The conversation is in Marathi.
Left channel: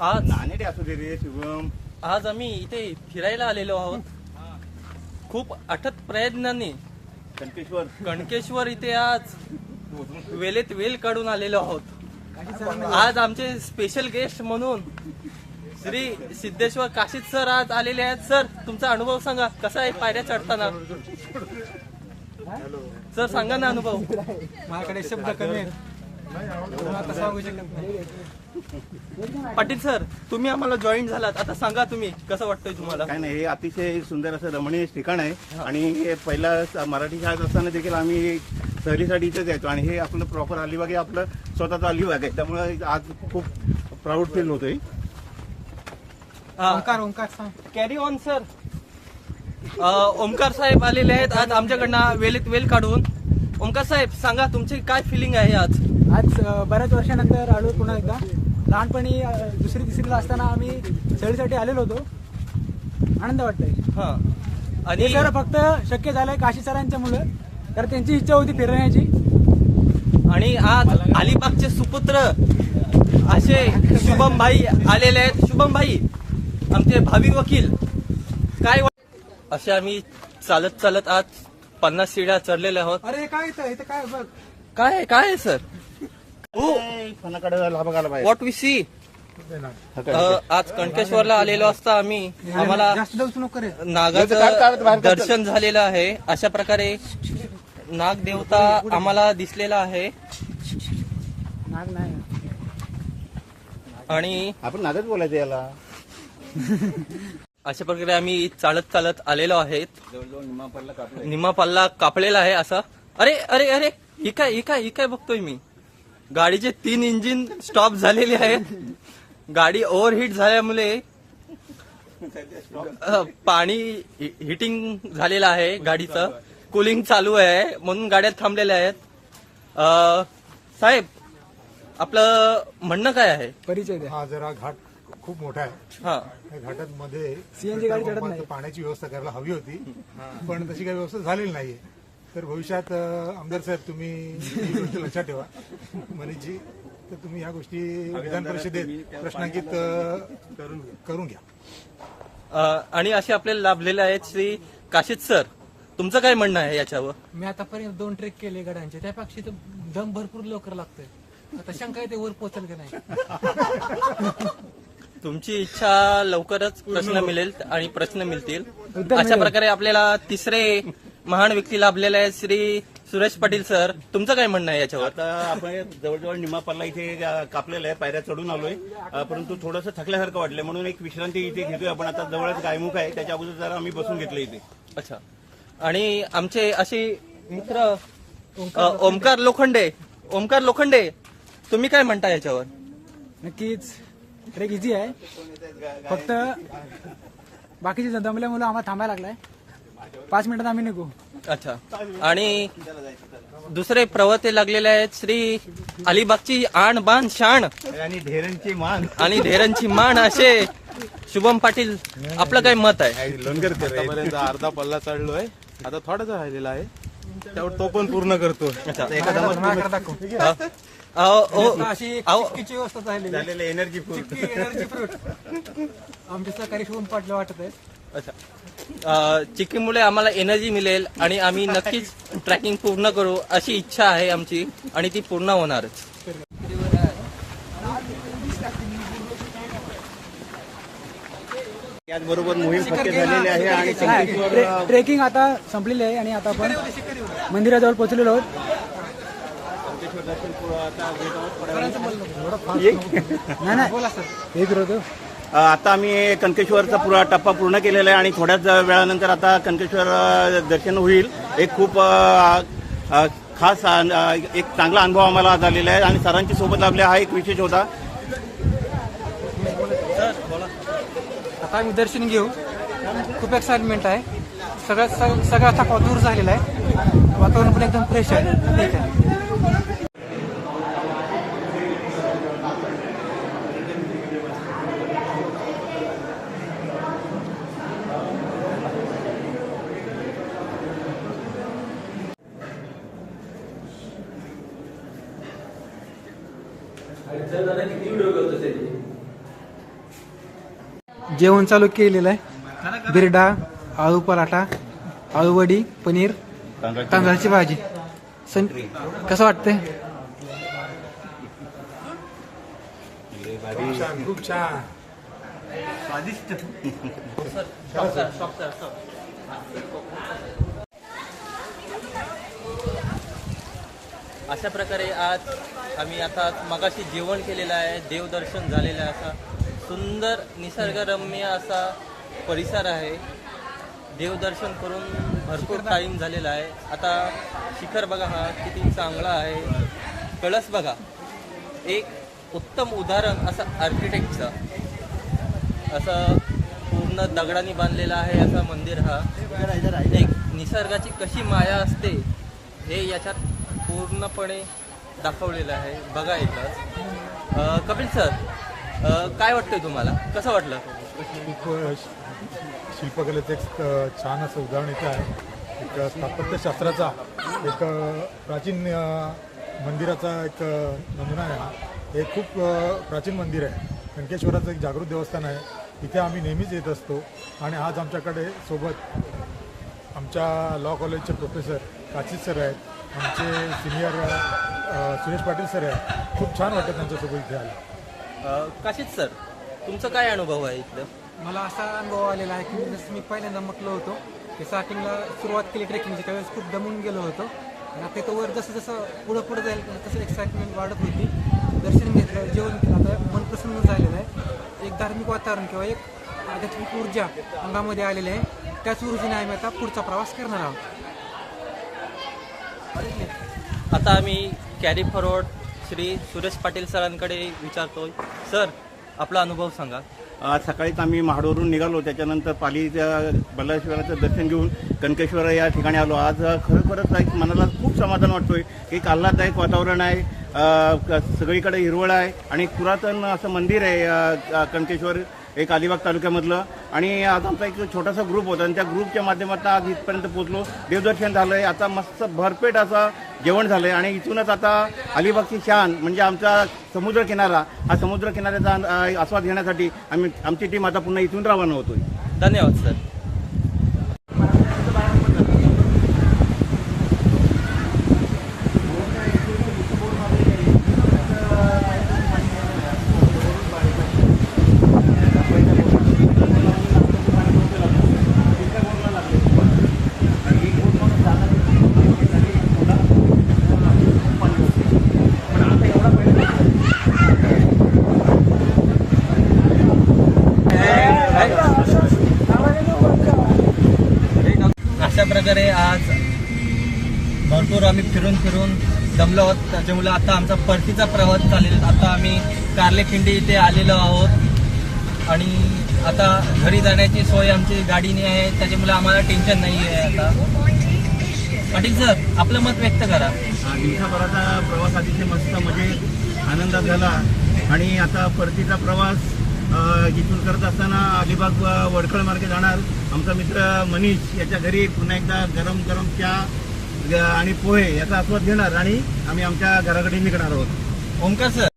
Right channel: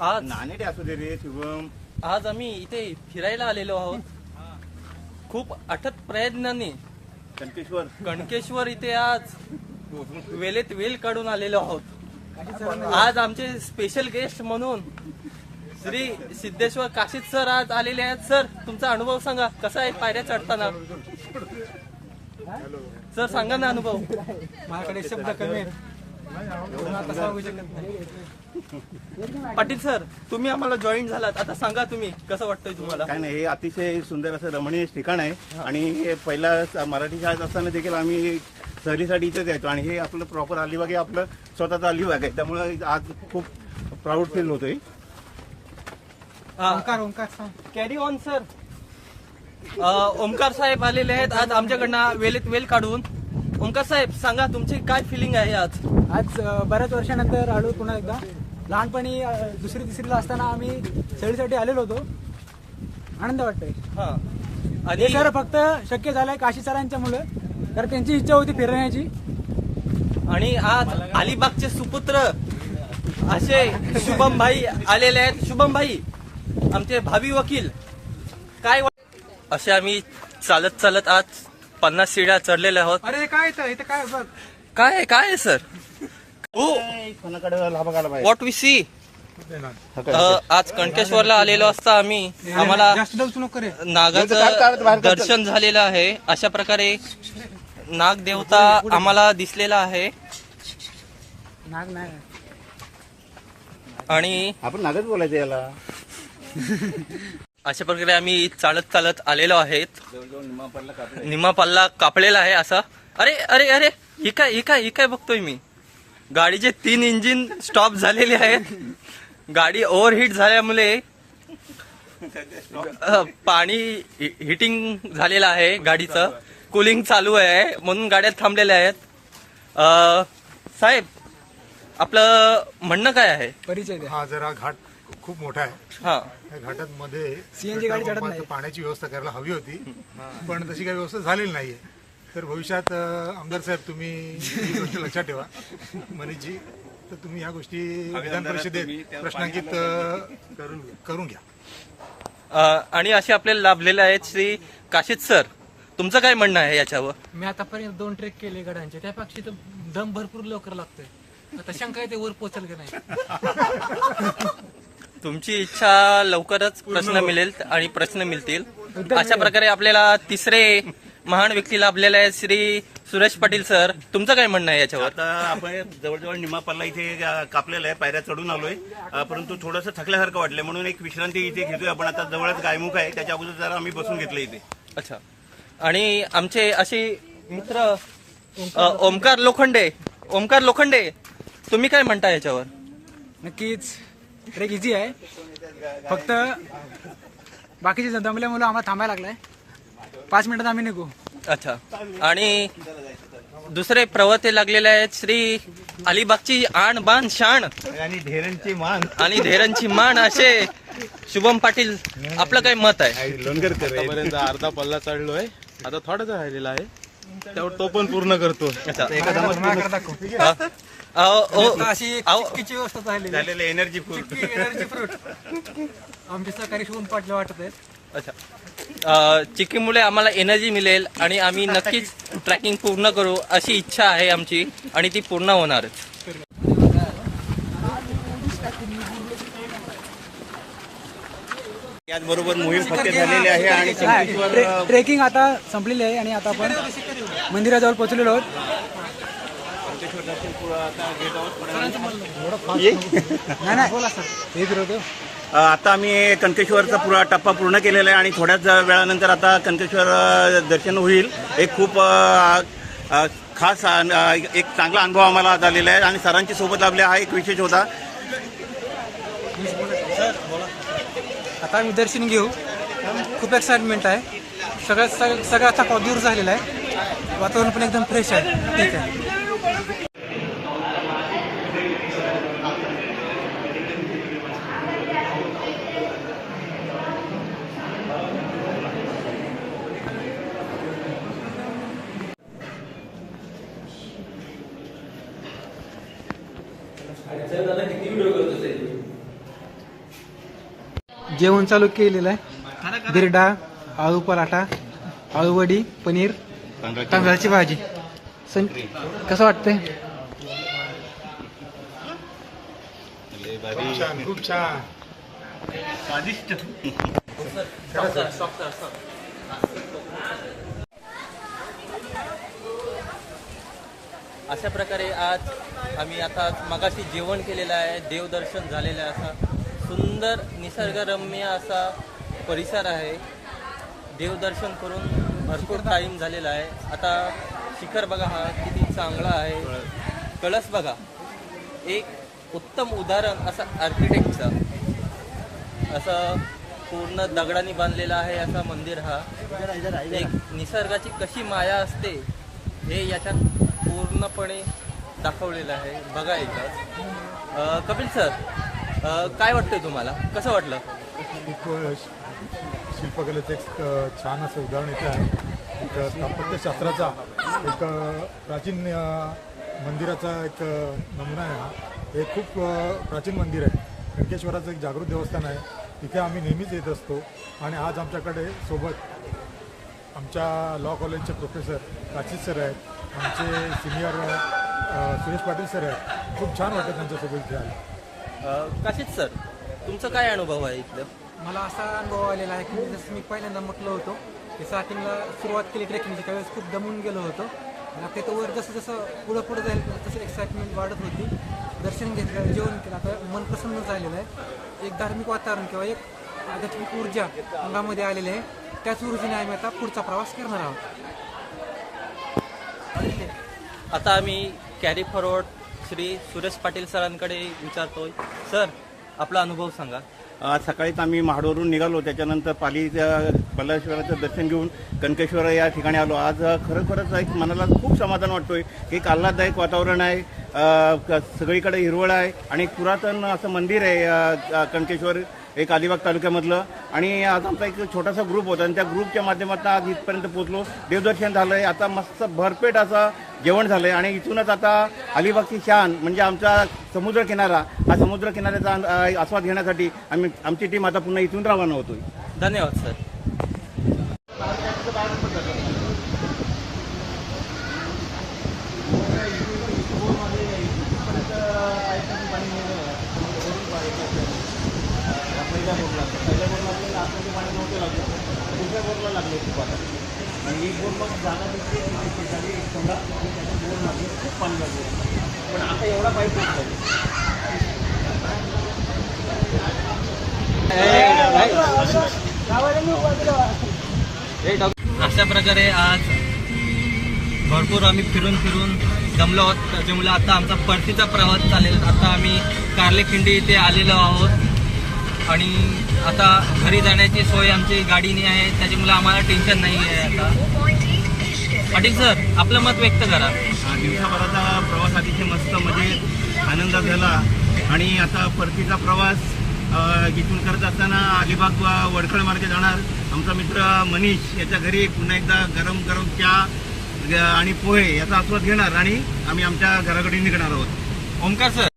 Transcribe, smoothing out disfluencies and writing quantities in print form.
आज नाणे असू दे रे शुभम. आज आम्ही इथे फिरायला आलेलो आहोत. खूप अथक प्रयत्नांनी कणकेश्वर इथे आज वेळेत वेळ काढून आलेलो आहोत. आज आमचे स्पेशल गेस्ट म्हणून श्री सिद्धेश्वर काशीद सर आज आलेले आहेत. सर, तुमचा अनुभव सांगा, कसा आहे पायऱ्या चढताना? सर सांगा ना अनुभव. माझ्याकडे शब्द कमी आहेत. पाटील सर, तुम्ही आम्हाला जॉईन झालात, आता सांगा तुम्ही कसं वाटतंय तुम्हाला? काय नाही, हे अतिशय सुंदर असं रमणीय ठिकाण आहे आणि हे पहिला मराठी शाळेत असताना देखील आम्ही सहलीसाठी इथेच यायचो आणि हे आपलं प्रॉपर अलिबाग आहे, आपलं स्वतःचा अलिबाग आहे. त्यामुळे आज खूप प्राऊड फील होतोय. Omkar carry on sir. Omkar साहेब आलेले आहेत आज आमच्याकडनं वेळेत वेळ काढून. ओमकार साहेब, सांगा तुमची काय फिलिंग आहे आज? आज बऱ्याच वर्षानंतर आलो पुन्हा एकदा. लहानपणी दुसरी तिसरीला असताना आम्ही सहलीसाठी आलेलो होतो. आनंद वाटतोय. आणि सर फक्त शक्य झालंय काशी सरांच्या मुलं, तर त्यांची इच्छा होती फिरण्याची. आणि आज अलिबागचे सुपुत्र असे शुभम भाई आलेले आहेत. शुभम भाई आमचे भावी वकील. काय असे आम्ही चालत चालत आज 50 सीड्या चढलेल्या आहोत. अरे काय इथं काय बघ, काय आहे सर? What we C. आज कणकेश्वरला आलेलो असता आम्ही, आम्हाला जास्त दर्शन नको रे. नागाचं दर्शन झालेलं आहे. अशा प्रकारे नाग देवता आम्हाला दिसलेला आहे. नाग नाही, आणि आपण नागच बोलायचं याला. अशा प्रकारे आम्ही चालत चालत आलेलो आहेत. निम्मा पल्ला कापलेला आहे असा. अरे अरे अरे, ही काय बघतोय मी? गाडीचे 3 इंजिन स्टॉप झालेले आहेत. गाडी ओव्हरहीट झाल्यामुळे पाणी हिटिंग झालेलं आहे, गाडीचं कूलिंग चालू आहे म्हणून गाड्या थांबलेल्या आहेत. साहेब, आपलं म्हणणं काय आहे? परिचय द्या. हा जरा घाट खूप मोठा आहे. हा, या घाटात मध्ये CNG गाडी चढत नाही. पाण्याची व्यवस्था करायला हवी होती, पण तशी काही व्यवस्था झालेली नाहीये. तर भविष्यात आमदार साहेब तुम्ही ही गोष्ट लक्षात ठेवा, मनीषजी. तर तुम्ही या गोष्टी विधान परिषदेत प्रश्नांकित करून घ्या. आणि असे आपल्याला लाभलेले आहेत श्री काशीद सर. तुमचं काय म्हणणं आहे याच्यावर? मी आतापर्यंत 2 ट्रेक केले गडांचे, त्यापेक्षा तर दम भरपूर लवकर लागतोय. आता शंका आहे ते वर पोहोचल की नाही. तुमची इच्छा लवकरच प्रश्न मिळेल आणि प्रश्न मिळतील. अशा प्रकारे आपल्याला तिसरे महान व्यक्ती लाभलेले आहेत श्री सुरेश पाटील सर. तुमचं काय म्हणणं आहे याच्यावर? आता आपण जवळजवळ निम्मा पल्ला इथे कापलेला आहे, पायऱ्या चढून आलोय, परंतु थोडंसं थकल्यासारखं वाटलंय म्हणून एक विश्रांती इथे घेतोय आपण. आता जवळच गायमुख आहे, त्याच्या अगोदर जरा आम्ही बसून घेतलं इथे. अच्छा. आणि आमचे असे मित्र ओमकार लोखंडे, तुम्ही काय म्हणता याच्यावर? नक्कीच ट्रेक इझी आहे, फक्त बाकीचे दमल्यामुळे आम्हाला थांबायला लागलाय. 5 मिनिटात आम्ही निघू. अच्छा. आणि दुसरे प्रवर्ते लागलेले आहेत श्री अलिबागची आण बाण शाण आणि धेरणची मान असे शुभम पाटील. आपलं काय मत आहे? आतापर्यंत अर्धा पल्ला चढलोय, आता थोडाच राहिलेला आहे, त्यावर तो पण पूर्ण करतो. व्यवस्था झालेली एनर्जी फुल. एनर्जी फ्रूट आमचे सहकारी शुभम पाटील वाटत आहेत. अच्छा. चिक्कीमुळे आम्हाला एनर्जी मिळेल आणि आम्ही नक्कीच ट्रॅकिंग पूर्ण करू अशी इच्छा आहे आमची, आणि ती पूर्ण होणारच. याचबरोबर मोहीम फक्त झालेली आहे आणि ट्रेकिंग आता संपलेली आहे आणि आता आपण मंदिराजवळ पोहोचलेलो आहोत. आता आम्ही कणकेश्वरचा पुरा टप्पा पूर्ण केलेला आहे आणि थोड्याच वेळानंतर आता कणकेश्वर दर्शन होईल. एक खूप खास एक चांगला अनुभव आम्हाला झालेला आहे आणि सरांची सोबत आपल्या हा एक विशेष होता. आता आम्ही दर्शन घेऊ. खूप एक्साइटमेंट आहे. सगळा थकवा दूर झालेला आहे. वातावरण पण एकदम फ्रेश आहे. ठीक आहे. किती व्हिडिओ करत असेल? जेवण चालू केलेलं आहे. बिरडा, आळू पराठा, आळूवडी, पनीर, तांदळाची भाजी. कसं वाटतंय? खूप छान. स्वादिष्ट. अशा प्रकारे आज आम्ही आता मगाशी जेवण केलेलं आहे, देवदर्शन झालेलं आहे. असा सुंदर निसर्गरम्य असा परिसर आहे. देवदर्शन करून भरपूर टाईम झालेला आहे. आता शिखर बघा हा किती चांगला आहे. कळस बघा, एक उत्तम उदाहरण असं आर्किटेक्टचं. असं पूर्ण दगडांनी बांधलेलं आहे असं मंदिर. हा एक निसर्गाची कशी माया असते हे याच्यात पूर्णपणे दाखवलेलं आहे. बघा एकच. कपिल सर, काय वाटतंय तुम्हाला? कसं वाटलं? खूप शिल्पकलेचं एक छान असं उदाहरण इथं आहे. एक स्थापत्यशास्त्राचा एक प्राचीन मंदिराचा एक नमुना आहे. हा हे खूप प्राचीन मंदिर आहे. कणकेश्वराचं एक जागृत देवस्थान आहे. तिथे आम्ही नेहमीच येत असतो. आणि आज आमच्याकडे सोबत आमच्या लॉ कॉलेजचे प्रोफेसर काशीद सर आहेत, आमचे सिनियर सुरेश पाटील सर आहेत. खूप छान वाटतं त्यांच्यासोबत इथे आले. काशीद सर, तुमचा काय अनुभव आहे इथलं? मला असा अनुभव आलेला आहे की जसं मी पहिल्यांदा म्हटलं होतो की स्टार्टिंगला सुरुवात केली ट्रेकिंगची त्यावेळेस खूप दमून गेलो होतो. आणि आपल्या इथं वर जसं जसं पुढं जाईल तसं एक्साइटमेंट वाढत होती. दर्शन घेतलं, जेवण केलं, आता मन प्रसन्न झालेलं आहे. एक धार्मिक वातावरण किंवा एक आध्यात्मिक ऊर्जा अंगामध्ये आलेली आहे. त्याच ऊर्जेने आम्ही आता पुढचा प्रवास करणार आहोत. आता आम्ही कॅरी फॉरवर्ड श्री सुरेश पाटील सरांकडे विचारतोय. सर, आपला अनुभव सांगा. आज सकाळीच आम्ही महाडवरून निघालो. त्याच्यानंतर पाली बल्लाळेश्वराचं दर्शन घेऊन कणकेश्वर या ठिकाणी आलो. आज खरोखरच एक मनाला खूप समाधान वाटतोय. एक आल्हाददायक वातावरण आहे. सगळीकडे हिरवळ आहे आणि एक पुरातन असं मंदिर आहे कणकेश्वर, एक अलिबाग तालुक्यामधलं. आणि आज आमचा एक छोटासा ग्रुप होता आणि त्या ग्रुपच्या माध्यमातून आज इथपर्यंत पोहोचलो. देवदर्शन झालंय. आता मस्त भरपेट असं जेवण झालंय आणि इथूनच आता अलिबागची शान म्हणजे आमचा समुद्र किनारा, हा समुद्र किनाऱ्याचा आस्वाद घेण्यासाठी आमची टीम आता पुन्हा इथून रवाना होतोय. धन्यवाद सर. अशा प्रकारे आज भरपूर आम्ही फिरून दमलो आहोत. त्याच्यामुळे आता आमचा परतीचा प्रवास चालेल. आता आम्ही कार्लेखिंडी इथे आलेलो आहोत आणि आता घरी जाण्याची सोय आमची गाडीने आहे. त्याच्यामुळे आम्हाला टेन्शन नाही आहे. आता पाटील सर, आपलं मत व्यक्त करा. दिवसाभराचा प्रवास अतिशय मस्त मजेत आनंदात झाला आणि आता परतीचा प्रवास इथून करत असताना अलिबाग वडखळ मार्गे जाणार. आमचा मित्र मनीष याच्या घरी पुन्हा एकदा गरम गरम चहा आणि पोहे याचा आस्वाद घेणार आणि आम्ही आमच्या घराकडे निघणार आहोत. ओमकार सर,